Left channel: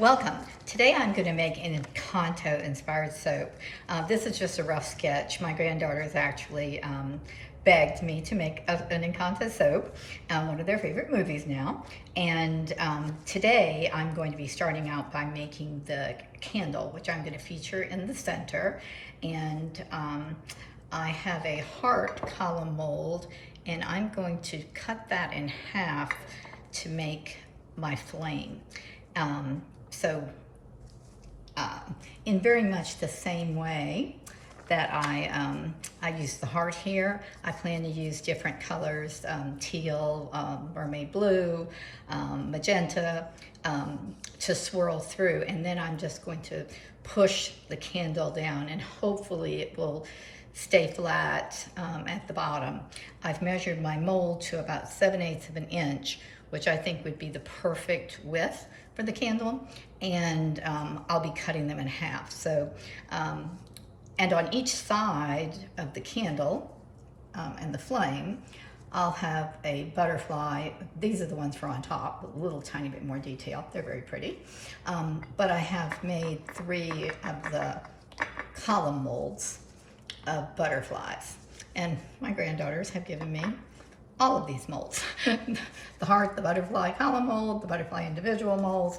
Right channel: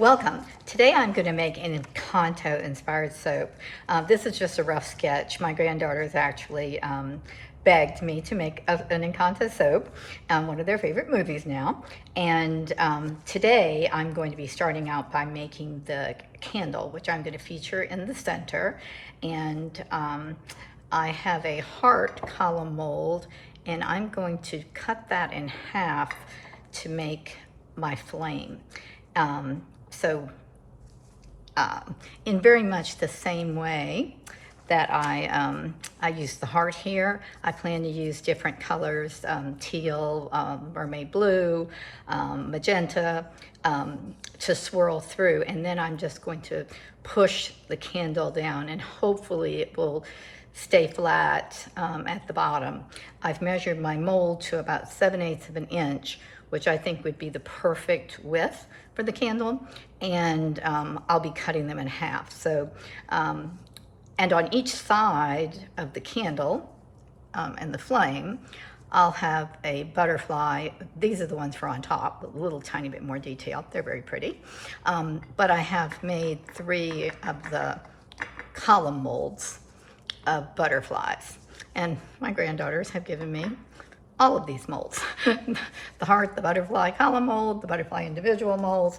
Welcome. Today I'm going to make an Encanto-inspired soap. This is just a rough sketch. My granddaughters actually begged me to make an Encanto soap, one of their favorite movies now. And today I'm going to be starting out by making the candle, which I'm going to feature in the center. And I have a heart column mold, and I'm going to cut that in half to make my flame. In very much the same way that I use the heart here, I plan to use different colors, teal, mermaid blue, magenta, to swirl through. And then I'm just going to push the candle down, and hopefully it will stay flat at the bottom. I've measured my mold to about 7/8 of an inch, which I think would be the perfect width for the candle, and I'll be cutting them in half. So, and on each side of the candle and the flame, I'll have a butterfly. These are the ones for on top, a little tiny bit more detail. They're very pretty. But I have made 3 of the column molds of butterflies, and my granddaughters have given me all of these molds. The heart, the butterfly column mold, the butterfly individual molds.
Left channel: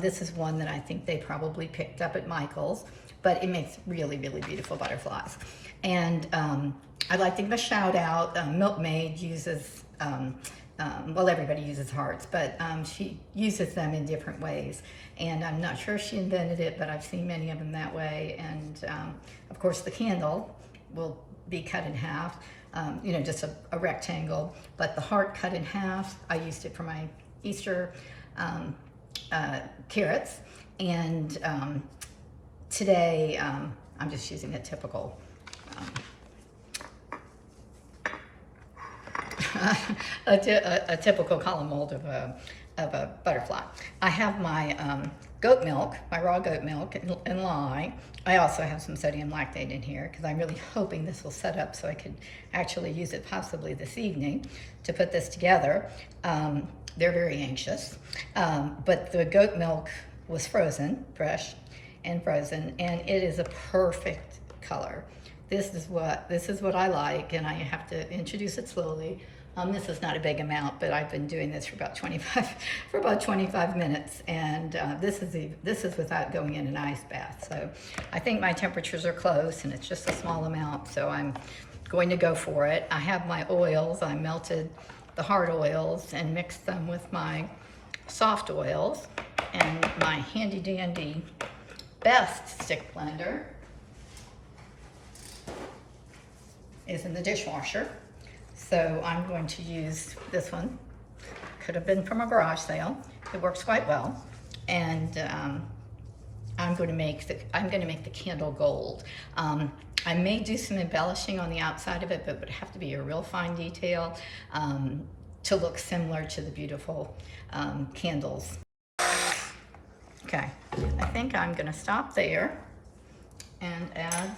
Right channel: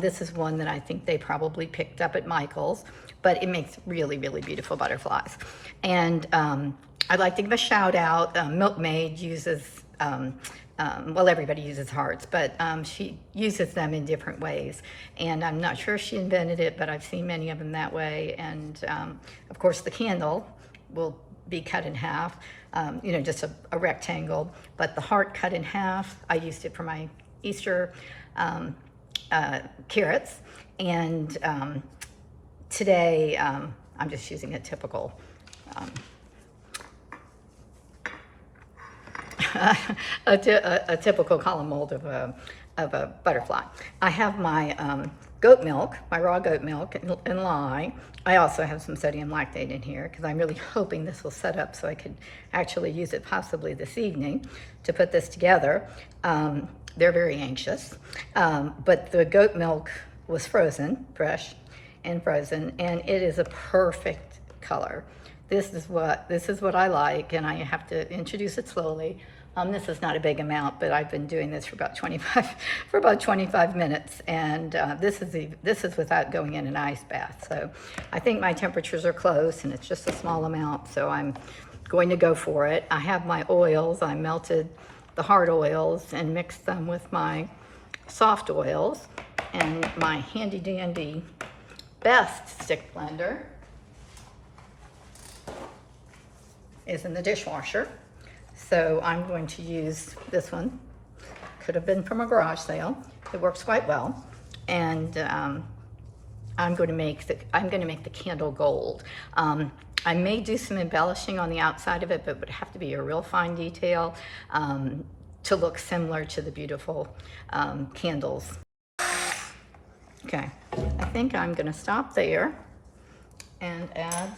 This is one that I think they probably picked up at Michael's, but it makes really, really beautiful butterflies. And I'd like to give a shout out. Milkmaid uses, well, everybody uses hearts, but she uses them in different ways. And I'm not sure if she invented it, but I've seen many of them that way. And of course the candle will be cut in half. You know, just a rectangle, but the heart cut in half, I used it for my Easter carrots. And today I'm just using a typical a typical column mold of a butterfly. I have my goat milk, my raw goat milk and lye. I also have some sodium lactate in here because I'm really hoping this will set up so I could actually use it possibly this evening to put this together. They're very anxious, but the goat milk was frozen, fresh and frozen, and it is a perfect color. This is what I like, and I have to introduce it slowly. This is not a big amount, but I've been doing this for about 25 minutes, and this is without going in an ice bath. So I think my temperatures are close, and it's just a small amount, so I'm going to go for it. I have my oils. I melted the hard oils and mixed them with my soft oils, and my handy dandy best stick blender is in the dishwasher. So I'm going to use this one. Could have been from a garage sale. It works quite well. And I'm going to make the candle gold. I may do some embellishing on the outside of it, but it would have to be a real fine detail to look similar to the beautiful candles. Okay, I think I'm going to stop there and add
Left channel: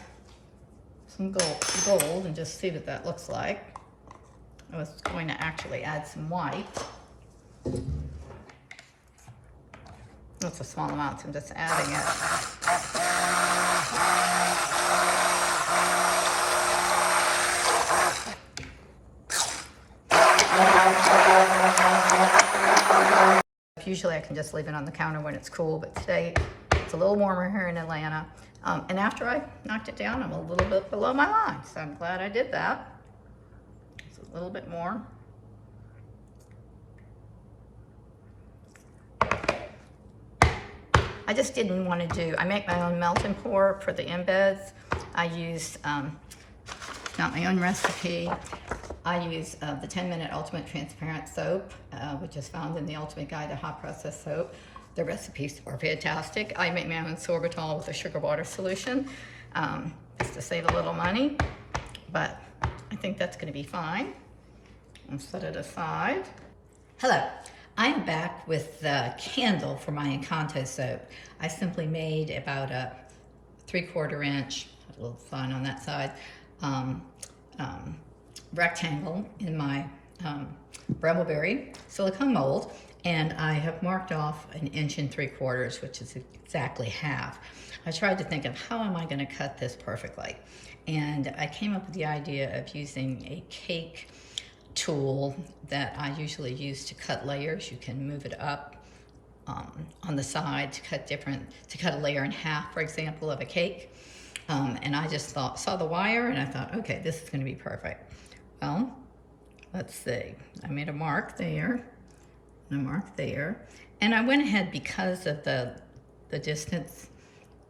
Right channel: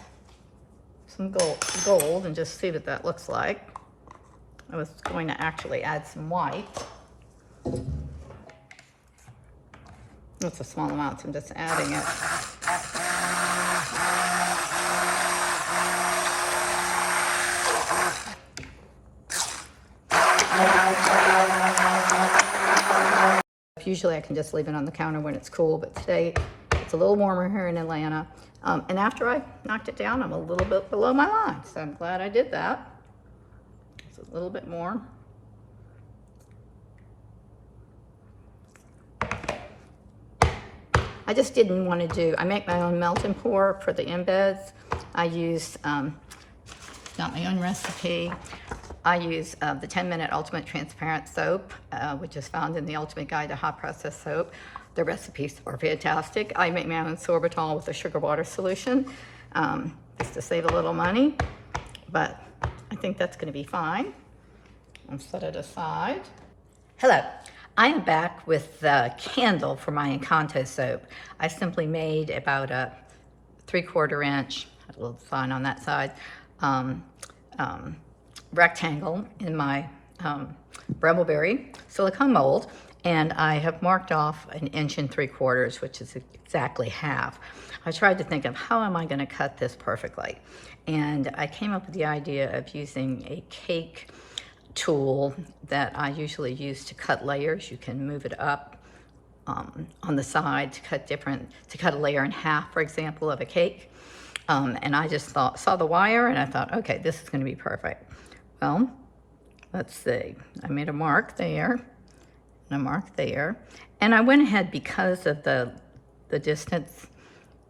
some gold and just see what that looks like. I was going to actually add some white. It's a small amount, so I'm just adding it. Usually I can just leave it on the counter when it's cool, but today it's a little warmer here in Atlanta. And after I knocked it down, I'm a little bit below my line, so I'm glad I did that. A little bit more. I just didn't want to do, I make my own melt and pour for the embeds. I use, not my own recipe, I use the 10-minute ultimate transparent soap, which is found in the Ultimate Guide to Hot Process Soap. The recipes are fantastic. I make my own sorbitol with a sugar water solution, just to save a little money, but I think that's going to be fine. I'll set it aside. Hello, I'm back with the candle for my Encanto soap. I simply made about a 3/4 inch, a little fine on that side, rectangle in my Brambleberry silicone mold, And I have marked off 1 3/4 inches, which is exactly half. I tried to think of how am I going to cut this perfectly. And I came up with the idea of using a cake tool that I usually use to cut layers. You can move it up on the side to cut a layer in half, for example, of a cake. And I just saw the wire and I thought, okay, this is going to be perfect. Well, let's see. I made a mark there and a mark there. And I went ahead because of the distance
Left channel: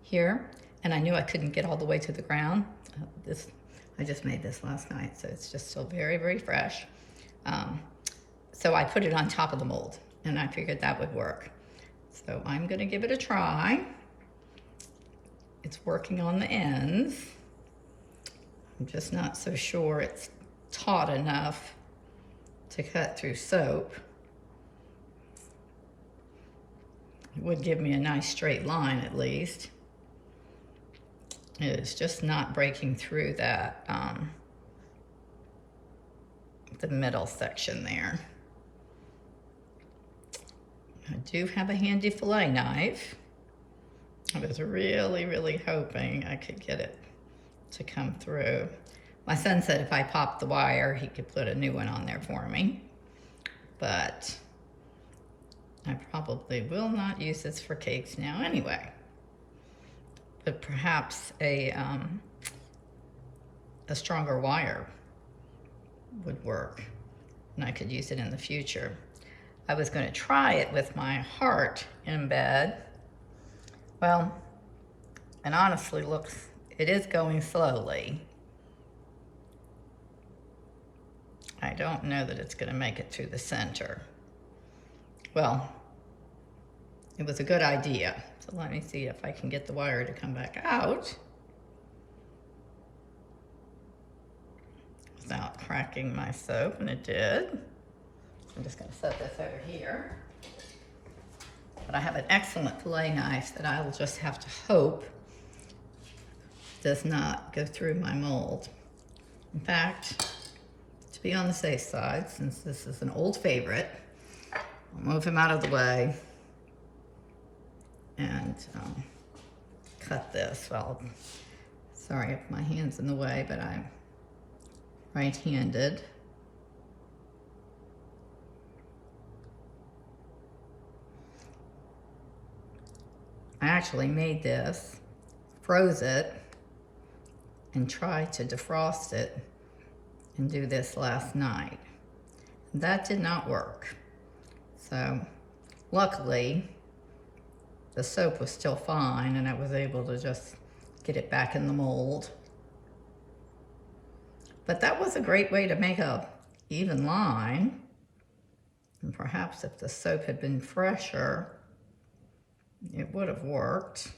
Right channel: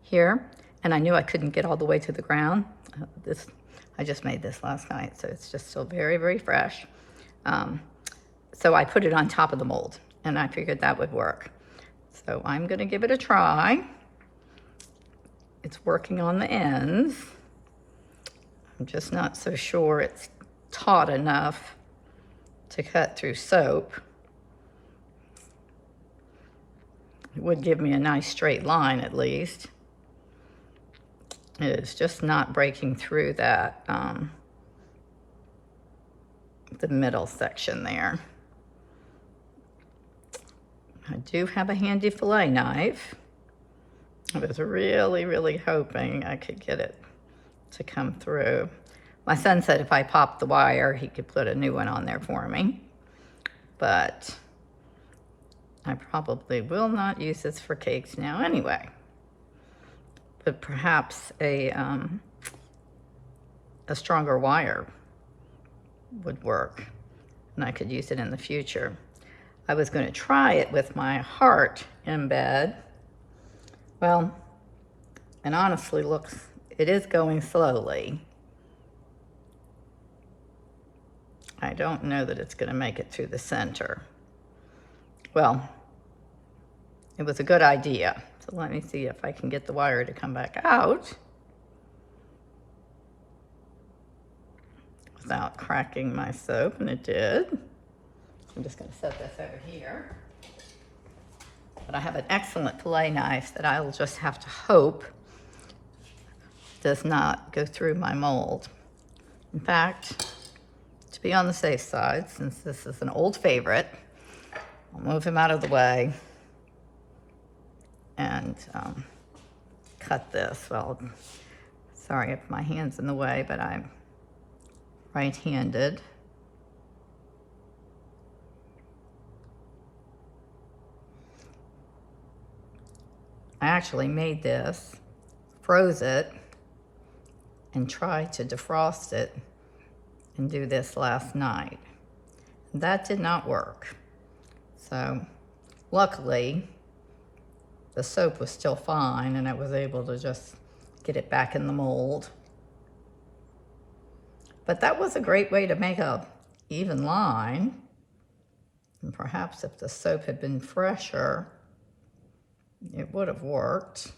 here, and I knew I couldn't get all the way to the ground. I just made this last night, so it's just still very, very fresh. So I put it on top of the mold, and I figured that would work. So I'm gonna give it a try. It's working on the ends. I'm just not so sure it's taut enough to cut through soap. It would give me a nice straight line at least. It is just not breaking through that, the middle section there. I do have a handy fillet knife. I was really, really hoping I could get it to come through. My son said if I popped the wire, he could put a new one on there for me. But I probably will not use this for cakes now anyway. But perhaps a stronger wire would work, and I could use it in the future. I was going to try it with my heart embed. Well, and honestly, it is going slowly. I don't know that it's going to make it to the center. Well, it was a good idea. So let me see if I can get the wire to come back out without cracking my soap, and it did. I'm just going to set this over here. But I have an excellent fillet knife that I will just have to hope does not go through my mold. In fact, to be on the safe side, since this is an old favorite, I'll move him out of the way and cut this. Well, sorry if my hand's in the way, but I'm right-handed. I actually made this, froze it, and tried to defrost it and do this last night. That did not work. So luckily, the soap was still fine and I was able to just get it back in the mold. But that was a great way to make a even line. And perhaps if the soap had been fresher, it would have worked.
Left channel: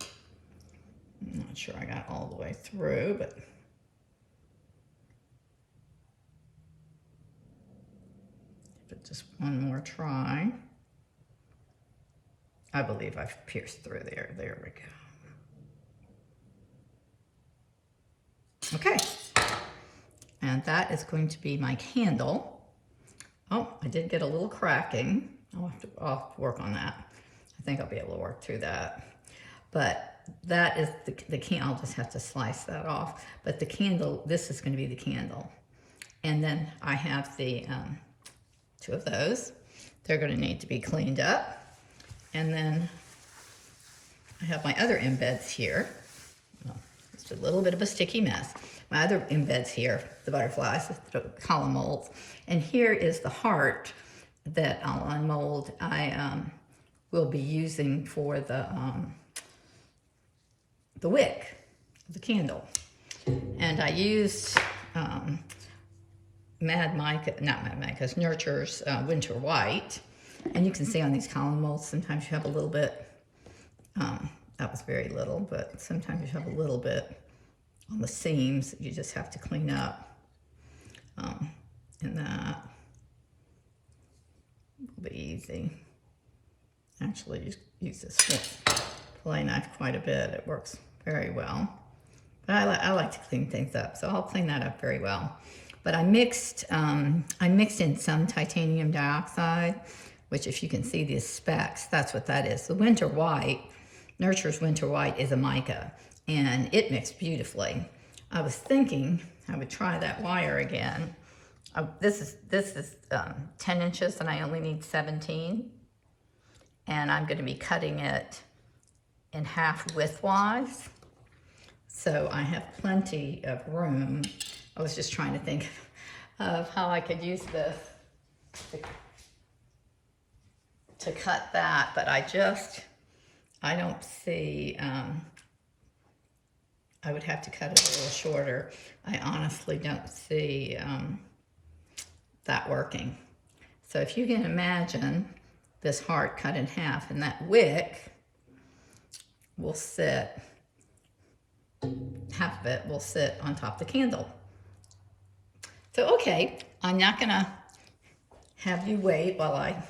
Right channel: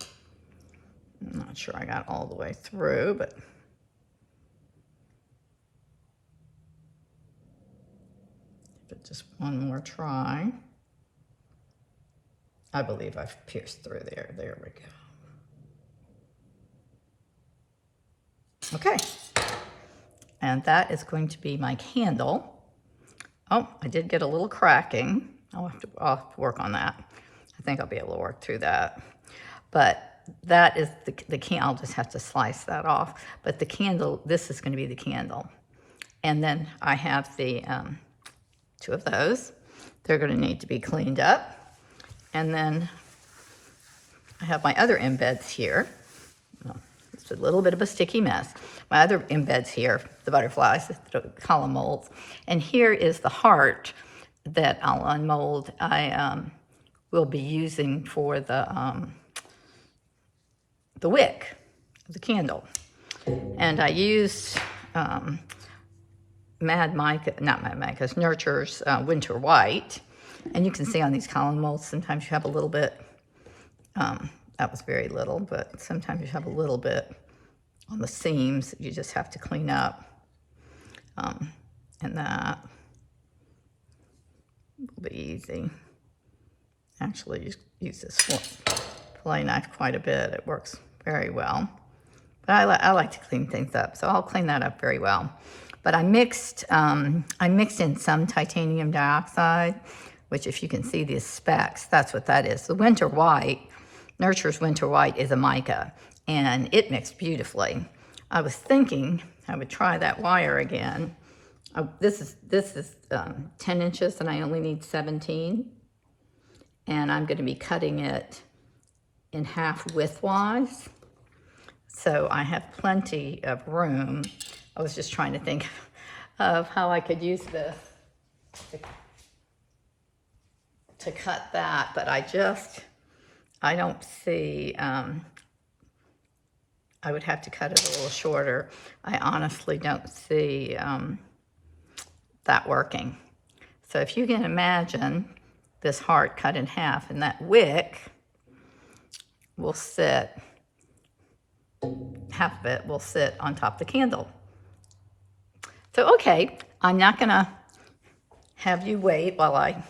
I'm not sure I got all the way through, but give it just one more try. I believe I've pierced through there. There we go. Okay, and that is going to be my candle. Oh, I did get a little cracking. I'll have to work on that. I think I'll be able to work through that. But that is the candle. I'll just have to slice that off. But the candle, this is going to be the candle. And then I have the two of those. They're going to need to be cleaned up. And then I have my other embeds here. Just a little bit of a sticky mess. My other embeds here, the butterflies, the column molds. And here is the heart that I'll unmold. I will be using for the wick, the candle. And I used Nurture's Winter White. And you can see on these column molds, sometimes you have a little bit, that was very little, but sometimes you have a little bit on the seams that you just have to clean up. And that will be easy. Actually, use this fillet knife quite a bit. It works very well. But I like to clean things up, so I'll clean that up very well. But I mixed in some titanium dioxide, which if you can see these specks, that's what that is. The winter white, Nurture's winter white, is a mica, and it mixed beautifully. I was thinking I would try that wire again. This is 10 inches and I only need 17. And I'm going to be cutting it in half widthwise. So I have plenty of room. I was just trying to think of how I could use this to cut that, but I don't see, I would have to cut it a little shorter. I honestly don't see that working. So if you can imagine this heart cut in half, and that wick will sit, half of it will sit on top of the candle. So, okay, I'm not gonna have you wait while I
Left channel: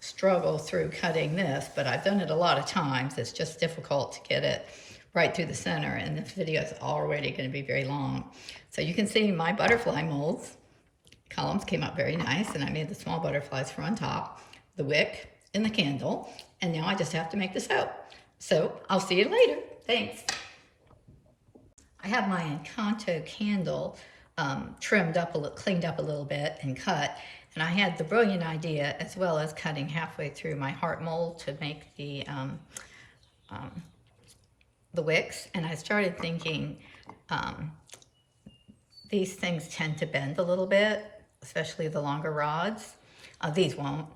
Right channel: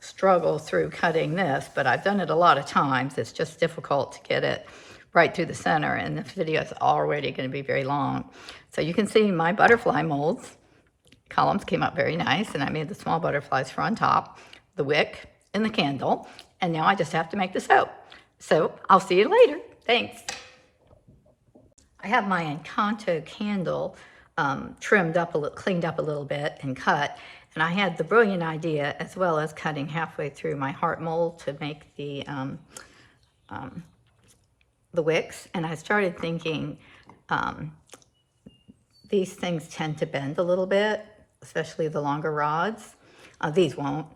struggle through cutting this, but I've done it a lot of times. It's just difficult to get it right through the center, and this video is already gonna be very long. So you can see my butterfly molds columns came up very nice, and I made the small butterflies for on top, the wick, and the candle, and now I just have to make the soap. So I'll see you later. Thanks. I have my Encanto candle trimmed up, cleaned up a little bit and cut, and I had the brilliant idea, as well as cutting halfway through my heart mold to make the wicks, and I started thinking these things tend to bend a little bit, especially the longer rods. These won't,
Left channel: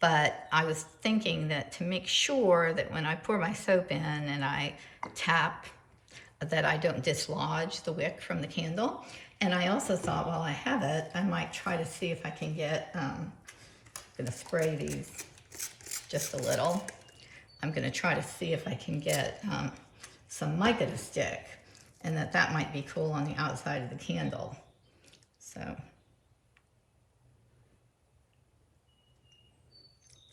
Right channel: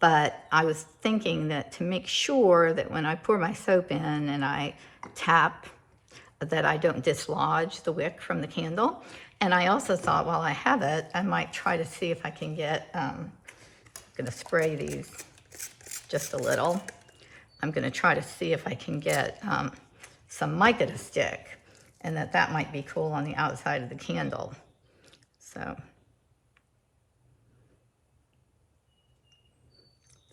but I was thinking that to make sure that when I pour my soap in and I tap, that I don't dislodge the wick from the candle. And I also thought, while I have it, I might try to see if I can get, I'm gonna spray these just a little. I'm gonna try to see if I can get some mica to stick, and that might be cool on the outside of the candle. So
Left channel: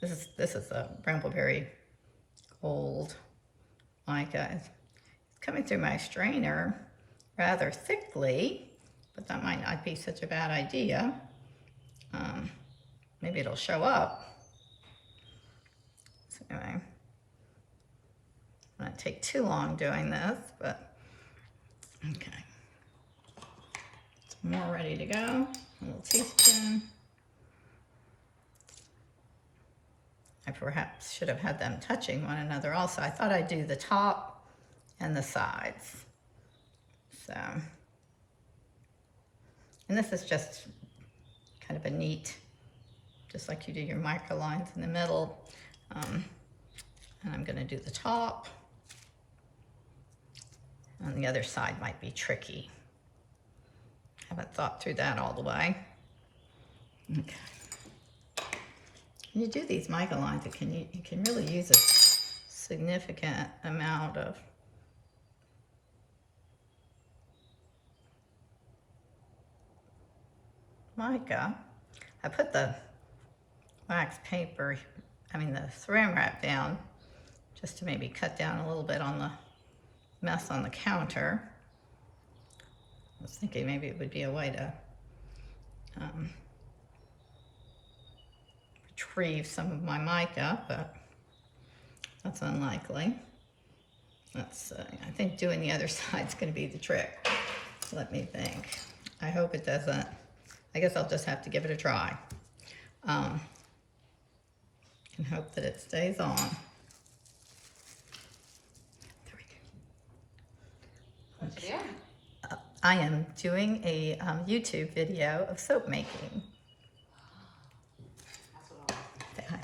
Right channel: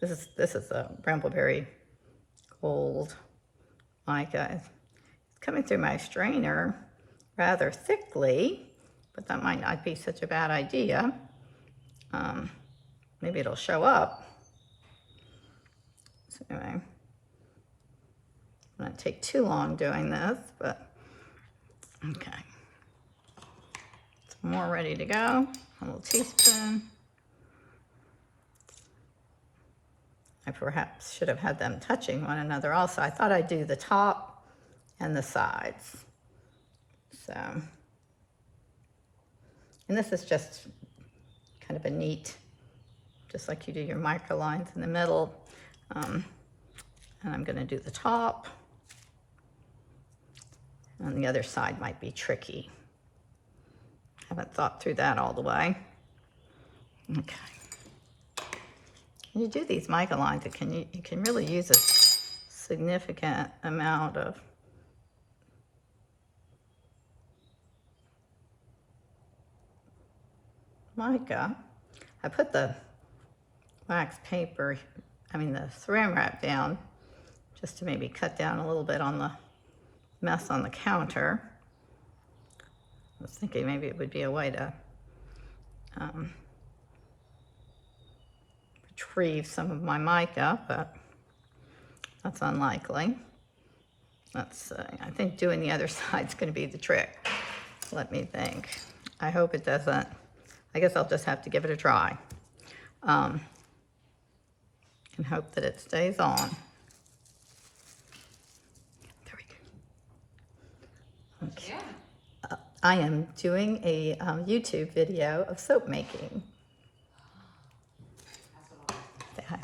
this is a brambleberry gold mica. It's coming through my strainer rather thickly, but that might not be such a bad idea. Maybe it'll show up. So anyway, it won't take too long doing this, but okay. Some more ready to go. A little teaspoon. I perhaps should have had them touching one another also. I thought I'd do the top and the sides. So, and this is just kind of a neat, just like you do your micro lines in the middle. And I'm gonna do the top. And the other side might be tricky. Haven't thought through that all the way. Okay. When you do these mica lines, you can really use a significant amount of mica. I put the wax paper, the saran wrap down, just to maybe cut down a little bit on the mess on the counter. I was thinking maybe it would be a way to retrieve some of my mica, but that's unlikely. I think doing the other side's going to be the trick. Let me think. I hope it doesn't. I guess I'll just have to give it a try. And hope that it stays on. There we go. Okay. Yeah. I am doing a YouTube video of soap making. Say hi.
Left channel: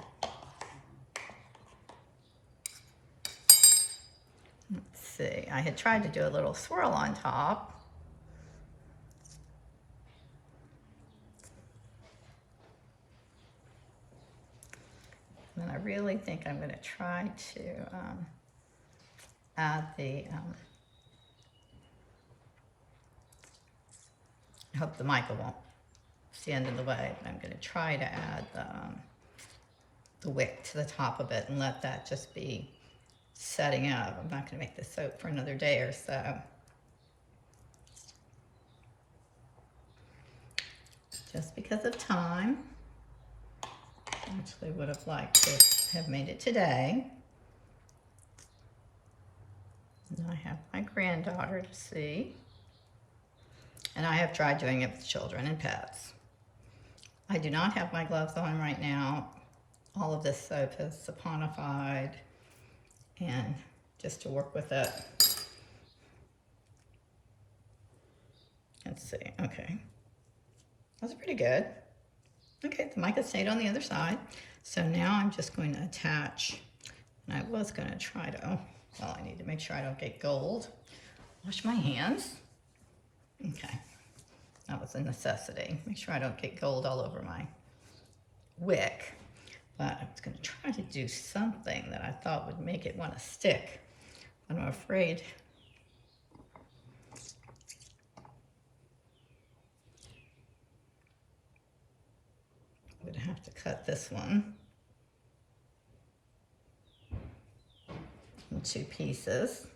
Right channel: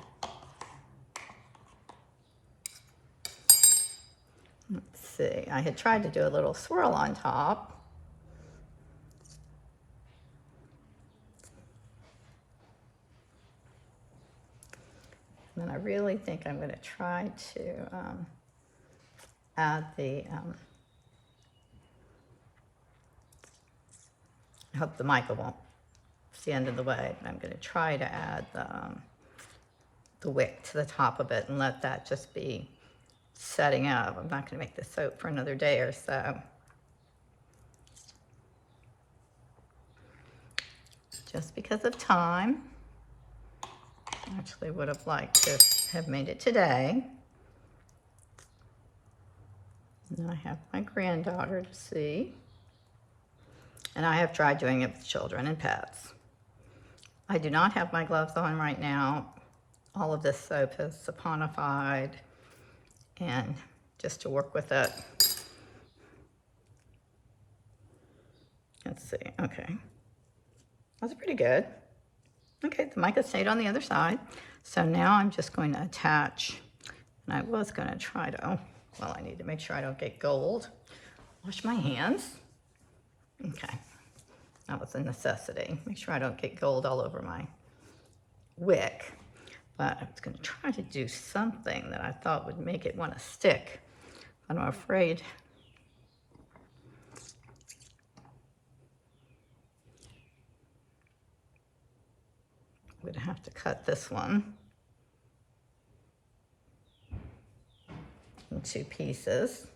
Let's see. I had tried to do a little swirl on top. And I really think I'm going to try to add the, I hope the mica won't stand in the way. I'm going to try to add the wick to the top of it and let that just be setting up. I'm not going to make the soap for another day or so. just because of time. I actually would have liked to have made it today. And I have my granddaughter to see. And I have tried doing it with children and pets. I do not have my gloves on right now. All of this soap is saponified, and just to work with it. Let's see, okay. That's pretty good. Okay, the mica stayed on the other side. So now I'm just going to attach, and I was going to try to, oh, well, I need to make sure I don't get gold. Wash my hands. Okay, that was a necessity. Make sure I don't get gold all over my wick. But I was going to try to do something that I thought would make it want to stick. But I'm afraid I'm going to have to cut this one in 2 pieces.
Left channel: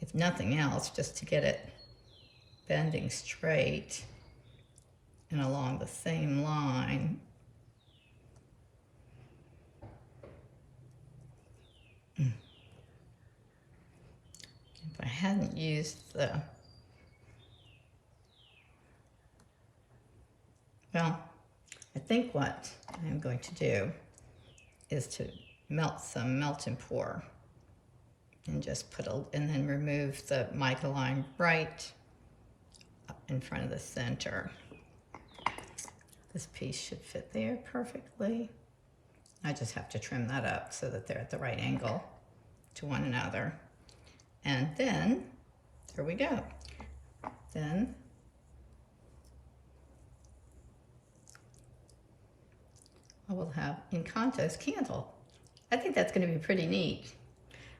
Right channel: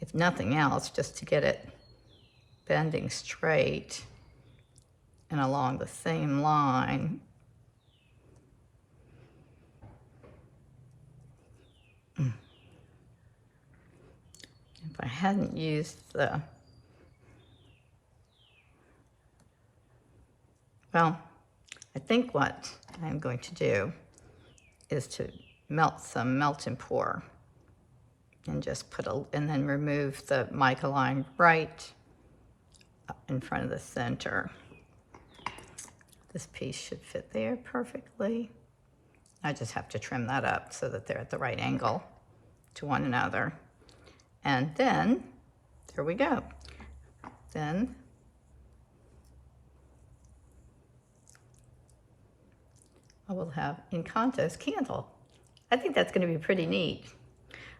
If nothing else, just to get it bending straight and along the same line. If I hadn't used the, well, I think what I'm going to do is to melt some melt and pour, and just put a, and then remove the mica line right in front of the center. This piece should fit there perfectly. I just have to trim that up so that they're at the right angle to one another. And then, there we go. Then, I will have Encanto's candle. I think that's going to be pretty neat.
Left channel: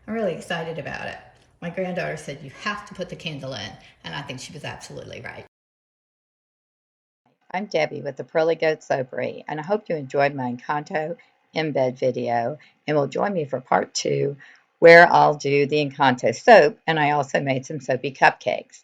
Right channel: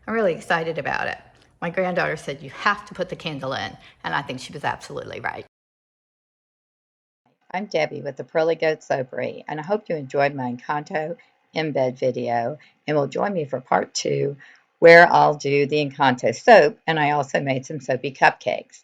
I'm really excited about it. My granddaughter said, you have to put the candle in, and I think she was absolutely right. I'm Debbie with the Pearly Goat Soapery, and I hope you enjoyed my Encanto embed video, and will join me for part 2, where I'll do the Encanto soap, and I also made some soapy cupcakes.